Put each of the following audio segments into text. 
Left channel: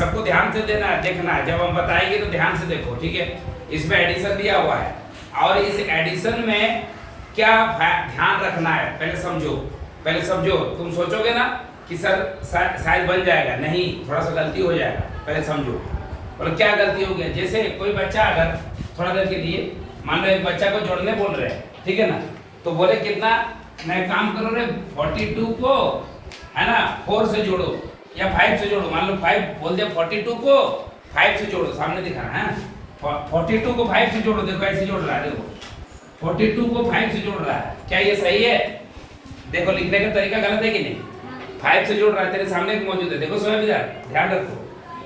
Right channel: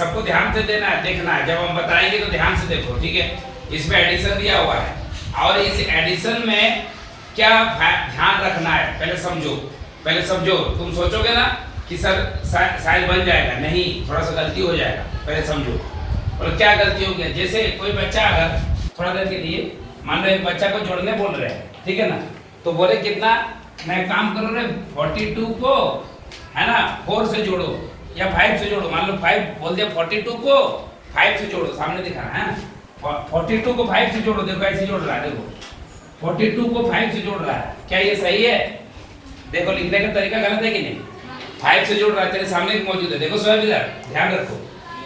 सबको ध्यान से देना है, देखना है। जब हम बताएंगे तो ध्यान से देखो, ठीक है। इसमें एडिशन दिया हुआ है और इस एडिशन में क्या ध्यान रखना है पहले समझो। तुम सोचोगे ना कि सर शायद बन जाएगा, नहीं, थोड़ा सा गलती हो जाएगा, पहले समझो। और क्या गलती हो गया, जैसे कोई बच्चा अगर थोड़ा देर के लिए मान लो एक बच्चा को जोड़ने बोल रहे हैं, ठीक है ना, तो बोले कितना, मैं काम करूँ रे 42 को है ना 4 से जोड़ो या 5 से जोड़ो। मान लो 5 बोल दिया, 42 को 5 से जोड़ो, सामने दिखाना है। 42 को 5 से जोड़ो, देखो ऐसे जोड़ रहा है, देखो 42 को 5 से जोड़ रहा है। क्या ये सही है? देखो लिखने का तरीका गलत है कि नहीं? 5 से जोड़ रहा है, तेरे सामने मौजूद है, देखो स्वयं ध्यान रखो।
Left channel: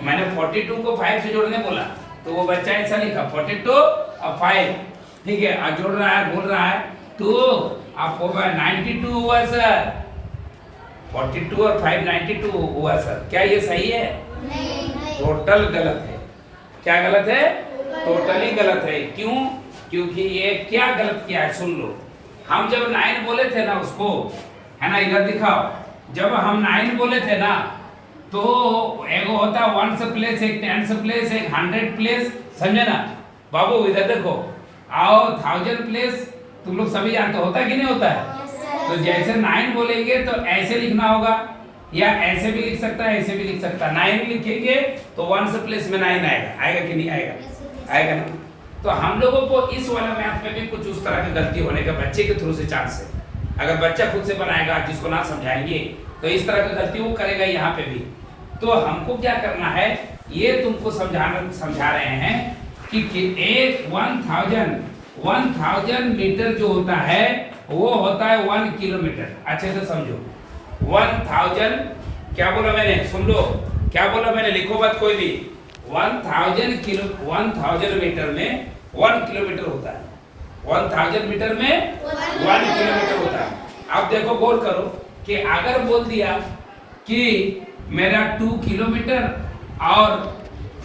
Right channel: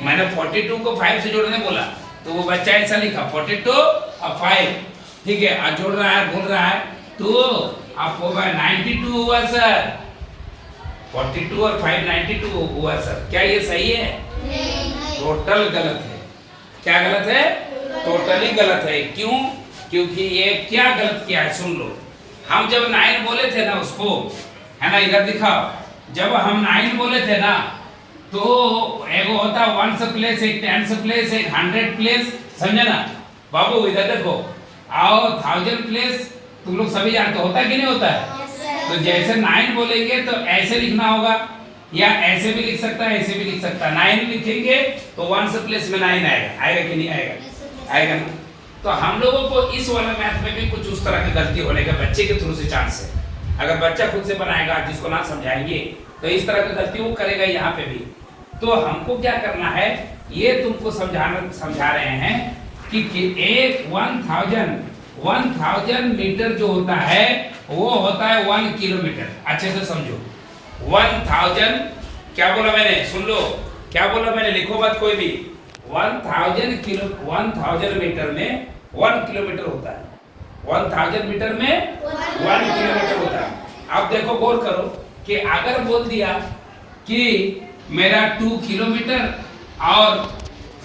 मैंने 42 को 5 से जोड़ने बोला तो वो बच्चा ऐसा लिखा 42 और 5, ठीक है। आज जोड़ रहा है, बोल रहा है 2 आप होगा 92 हुआ सर, 42 और 5 92 हुआ सर। क्या ये सही है? नहीं। टोटल गलत है। क्या गलत है? टोटली गलत है। क्यों? क्योंकि ये क्या गलत किया है, सुन लो। हम जब 9 बोले थे ना उसको, है ना, इधर दिखाओ, जब हम 9 बोले थे ना तो एक होता 1s प्लेस, एक 10s प्लेस, एक 100 प्लेस, समझे ना बाबू? इधर देखो, आओ 1000 प्लेस, तुम लोग सभी जानते होता कि नहीं होता है? तो जैसे 9 बोलेंगे तो ऐसे लिखना होगा, या ऐसे भी लिख सकता है, ऐसे भी लिख सकता है। 9 लिखेंगे तो 1s प्लेस में 9 आएगा कि नहीं आएगा? आएगा ना। तो हम लोगों को इस वाला मैथ में भी कुछ उस तरह की गलती होने का बच्चे के थ्रू से चांस है। अगर बच्चा खुद से बनाएगा, जिसको ना समझाएंगे, तो इस तरह की गलती वो करेगा यहाँ पे भी। तो हमको क्या करना है, ये तुमको समझा रहे हैं कि एक 1000 मीटर जो होता है वो होता है 1 किलोमीटर। अच्छे से समझो, 1000 क्या बोला मैंने, सुन लो क्या बोला मैंने, लिखो मत कोई भी। 1000 मीटर में 1 किलोमीटर होता है। 1000 मीटर में 1 किलोमीटर होता है। अब देखो गौर करो कि अगर बोल दिया कि मेरा 2 किलोमीटर और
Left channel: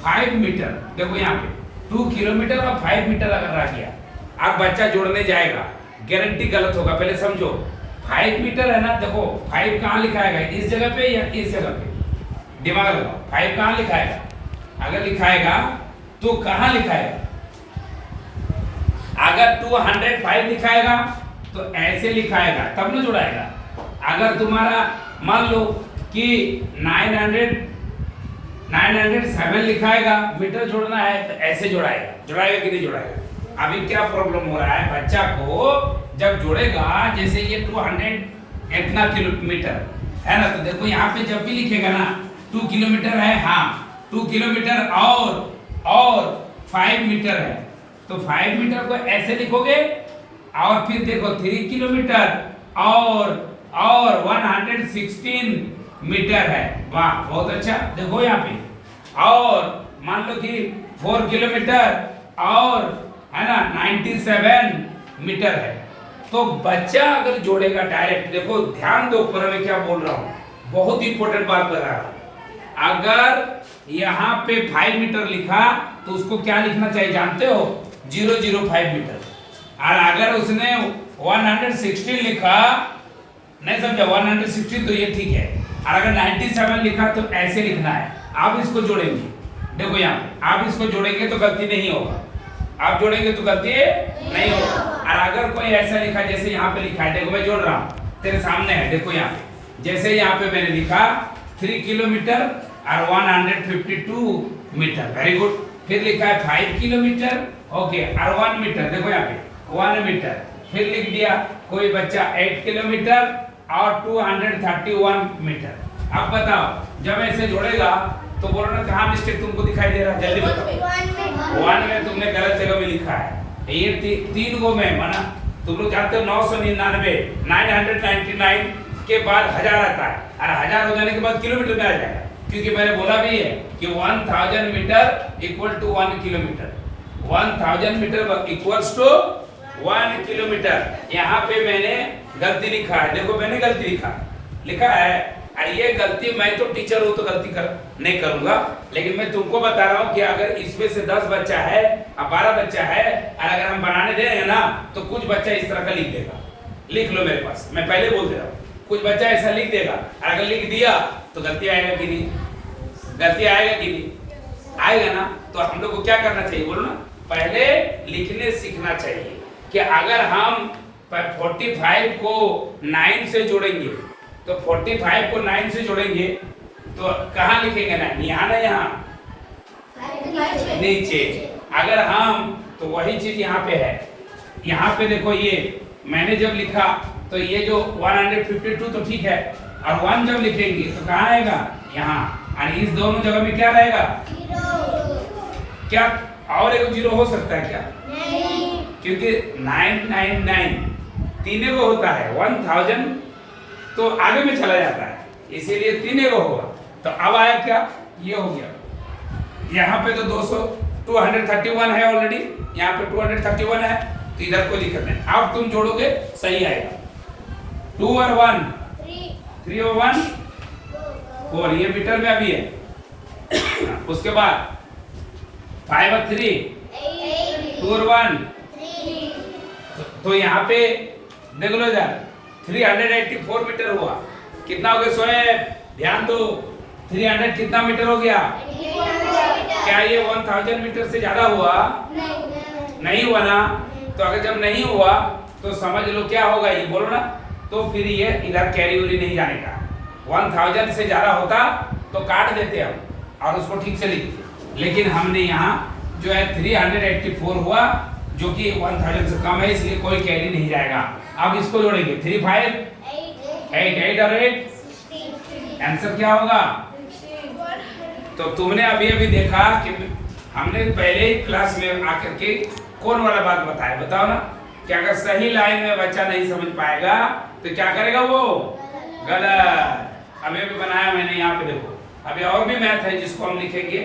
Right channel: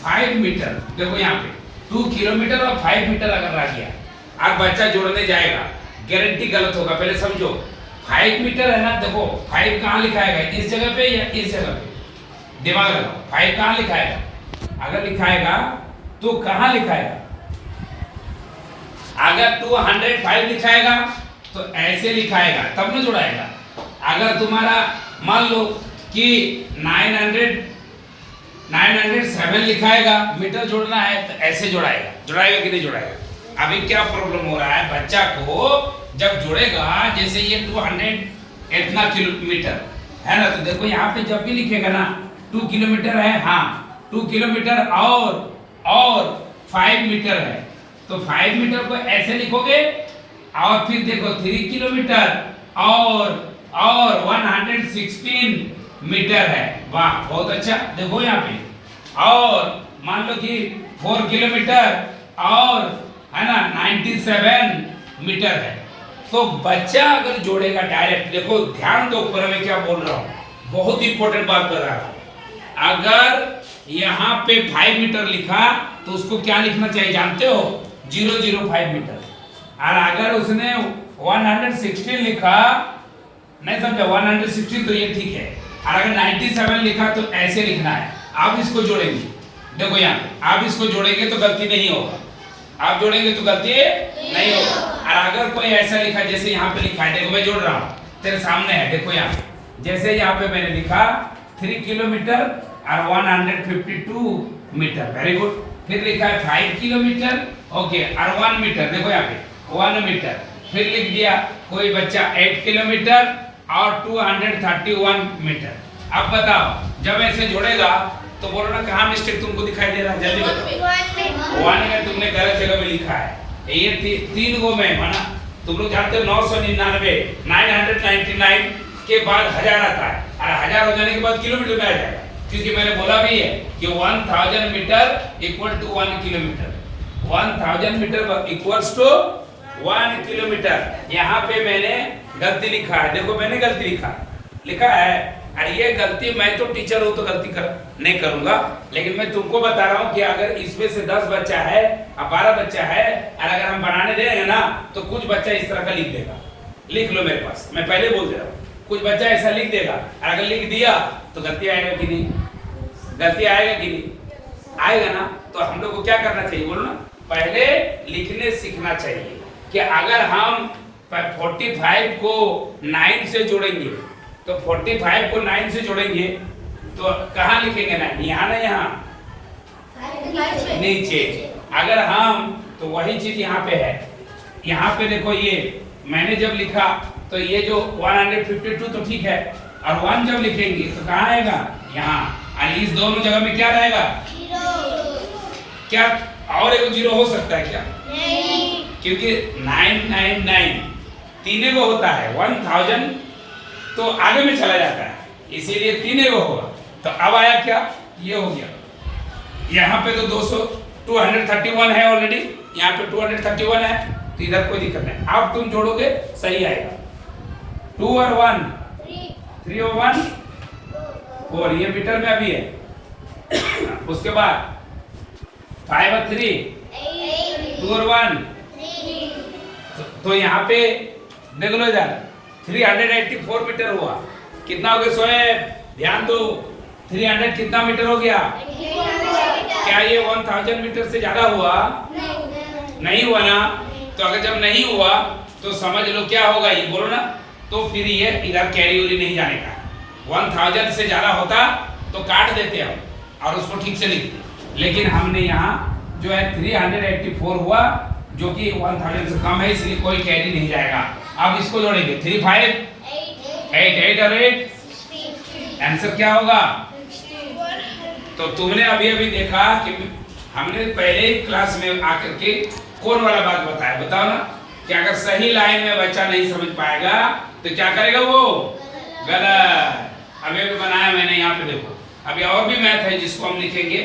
5 मीटर, देखो यहाँ पे 2 किलोमीटर और 5 मीटर अगर रह गया, अब बच्चा जोड़ने जाएगा, गारंटी गलत होगा। पहले समझो, 5 मीटर है ना, देखो 5 कहाँ लिखाएगा, इस जगह पे या इस जगह पे? दिमाग लगाओ, 5 कहाँ लिखाएगा? अगर लिखाएगा तो कहाँ लिखाएगा? अगर 205 लिखाएगा तो ऐसे लिखाएगा, तब न जोड़ाएगा। अगर तुम्हारा मान लो कि 907 लिखाएगा, मीटर जोड़ना है, तो ऐसे जोड़ाएगा कि नहीं जोड़ाएगा? अभी क्या प्रॉब्लम हो रहा है, बच्चा को जब जोड़ेगा, जैसे ये 200 इतना किलोमीटर है ना, तो देखो यहाँ पे जब भी लिखेगा ना 2 किलोमीटर है, हाँ 2 किलोमीटर और 5 मीटर है, तो 5 मीटर को ऐसे लिखोगे, और फिर देखो 3 किलोमीटर और 116 मीटर है। वाह बहुत अच्छा। देखो यहाँ पे, और मान लो कि 4 किलोमीटर और है ना 97 मीटर है। तो बच्चा अगर जोड़ेगा डायरेक्ट, देखो ध्यान दो ऊपर में क्या बोल रहा हूँ, बहुत इंपॉर्टेंट बात कर रहा हूँ। अगर यहाँ पे 5 मीटर लिखा तो उसको क्या लिखना चाहिए जानते हो? 005 मीटर। और अगर उसने 116 लिखा, नहीं समझा, 116 तो ये ठीक है, और अगर 97 लिखा तो ऐसे लिखना है। आप इसको जोड़ेंगे, देखो यहाँ पे आप इसको जोड़ेंगे तो गलती नहीं होगा, आप जोड़ेंगे तो गलती नहीं होगा। और अगर कोई ऐसा लिखा, जैसे यहाँ पे लिखा है, देखो मैं जोड़ रहा हूँ, तेरे सामने है, देखो यहाँ पे, जैसे यहाँ पे मैंने लिखा 3 किलोमीटर और 152 मीटर, वेरी गुड। फिर लिखा है 5 किलोमीटर, ओके, और 1 मीटर, देखो यहाँ पे 1 मीटर। फिर लिख दिया कोई बच्चा 8 किलोमीटर और 231 मीटर। अब बताओ, जब ऐसे जोड़ेगा तो बोलो ना कहाँ मिस्टेक तुमको दिखाई दे रहा है, जल्दी बताओ। 1 में तुमने गलत जगह में लिखा है, ये 3 गो में बना। तुम लोग जानते हो 999 999 के बाद 1000 आता है, और 1000 हो जाने के बाद किलोमीटर में आ जाएगा, क्योंकि मैंने बोला भी है कि 1000 metre equal to 1 kilometre. 1000 metre equals to 1 kilometre. यहाँ पे मैंने गलती लिखा है, देखो मैंने गलती लिखा है। अरे ये गलती, मैं तो टीचर हूँ तो गलती नहीं करूंगा, लेकिन मैं तुमको बता रहा हूँ कि अगर इसमें से 10 बच्चा है और 12 बच्चा है, और अगर हम बनाने देंगे ना तो कुछ बच्चा इस तरह का लिख देगा। लिख लो मेरे पास, मैं पहले बोल दे रहा हूँ, कुछ बच्चा ऐसा लिख देगा, और अगर लिख दिया तो गलती आएगा कि नहीं? गलती आएगा कि नहीं आएगा ना। तो हम लोग को क्या करना चाहिए बोलो ना, पहले लिखने सीखना चाहिए कि अगर हम 45 को 9 से जोड़ेंगे तो 45 को 9 से जोड़ेंगे तो कहाँ लिखेंगे 9, यहाँ ना यहाँ नीचे। अगर हम तो वही चीज यहाँ पे है, यहाँ पे देखो ये मैंने जब लिखा तो ये जो 152 तो ठीक है, और 1 जब लिखेंगे तो कहाँ आएगा यहाँ, और इस दोनों जगह में क्या रहेगा, क्या और एक 0 हो सकता है क्या, नहीं, क्योंकि 999 तीन को होता है, 1000 तो आगे में चला जाता है, इसीलिए 3 को होगा। तो अब आया क्या, ये हो गया। यहाँ पे तो 231 है ऑलरेडी, यहाँ पे 231 है, तो इधर कोई दिक्कत नहीं। अब तुम जोड़ोगे सही आएगा, 2 और 1 3 और 1 4, ये मीटर में अभी है। उसके बाद 5 और 3 2 और 1 तो यहाँ पे देख लो यार 384 मीटर हुआ। कितना हो गया सोएब, ध्यान दो, 300 कितना मीटर हो गया, क्या ये 1000 मीटर से ज्यादा हुआ, नहीं हुआ ना। तो अगर जब नहीं हुआ तो समझ लो क्या होगा, ये बोलो ना, तो फिर ये इधर कैरी उरी नहीं जाने का। 1000 से ज्यादा होता तो काट देते हम और उसको ठीक से लिखते, लेकिन हमने यहाँ जो है 384 हुआ जो कि 1000 से कम है, इसलिए कोई कैरी नहीं जाएगा। अब इसको जोड़ेंगे 3 5 8 8 और 8, आंसर क्या होगा। तो तुमने अभी अभी देखा कि हमने पहले ही क्लास में आकर के कौन वाला बात बताया, बताओ ना, कि अगर सही लाइन में बच्चा नहीं समझ पाएगा तो क्या करेगा, वो गलत। अभी भी बनाया मैंने, यहाँ पे देखो, अभी और भी मैथ है जिसको हम लिखेंगे।